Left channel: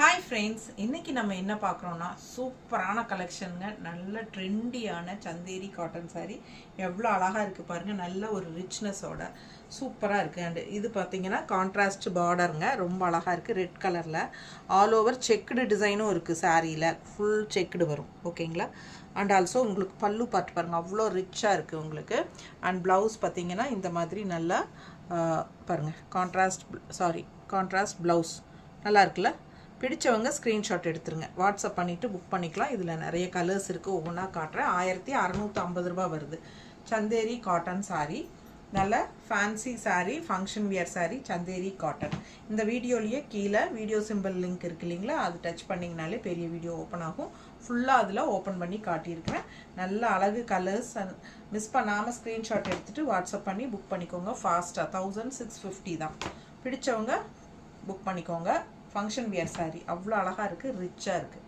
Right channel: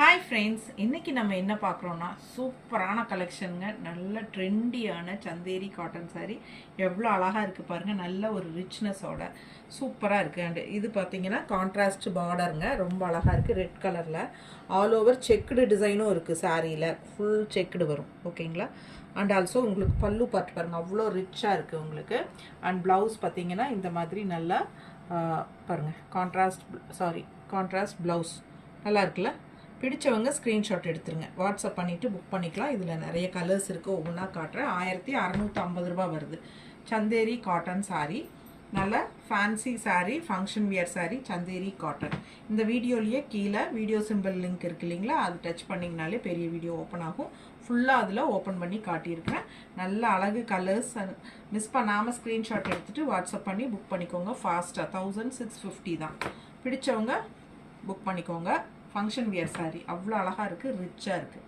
Hi friends, இன்றைக்கி நம்ம என்ன பார்க்குறோன்னா சூப்பரான கலெக்ஷனுங்க. நல்ல ட்ரெண்டியான சந்தேரி காட்டன் சாரீ. எவ்வளோ அழகாக இருக்குது பாருங்கள். நல்ல ஒரு ரிச்னஸோட சூப்பராக இருக்குது. அண்டு இது பார்த்திங்கன்னா கான்ட்ராஸ்ட் பார்டருங்க. ரொம்ப அழகாக இருக்குது. ரெட் கலரில் ஆல் ஓவர் செக்குடு டிசைனும் இருக்குது. சாரியில் ஃபுல் செக்குடு வரும். ஓகேங்களா? அண்ட் ஆல்சோ உங்களுக்கு பல்லு பார்த்து பாருங்கள், அவ்வளோ ரிச்சாக இருக்குது உங்களுக்கு. அண்ட் ப்ளவுஸ் பார்த்திங்கன்னா இந்த மாதிரி நல்லா பாருங்கள், கான்ட்ராஸ்ட் ப்ளவுஸ் நல்லா இருக்குல்ல. பிடிச்சவங்க ஸ்க்ரீன்ஷாட் எடுத்துருங்க, வாட்ஸ்அப் பண்ணிவிட்டு புக் பண்ணிக்கலாம். இதில் நிறைய கலர்ஸ் இருக்குது, ஒவ்வொன்றா காட்டுறேன். 1650 ரூபா வருது. சந்தேரி காட்டன் சாரீ, நல்ல fancy sari, function wear sari, Chanderi cotton. இந்த வீடியோலேயே கீழே வீடியோ சிம்பிள் லிங்க் இருக்குது இல்லைங்களா, அது டச் பண்ணிங்கனாலே பெரிய வீடியோ ஓப்பன் ஆகும். ஃபுல்லாக அதில் ஓப்பன் பண்ணி காட்டியிருக்கேன். நல்ல அழகு கலர்ஸ். மிஸ் பண்ணாமல் ஸ்க்ரீன்ஷாட் எடுத்துகிட்டு வாட்ஸ்அப் பண்ணி புக் பண்ணிக்கோங்க ஃபாஸ்ட்டாக. 1650 தான். பிடிச்சவங்க புக் பண்ணிக்கோங்க. ஃபங்க்ஷன் வியர் சாரீ அவ்வளோ அழகாக இருக்குது, ரிச்சாக இருக்குது.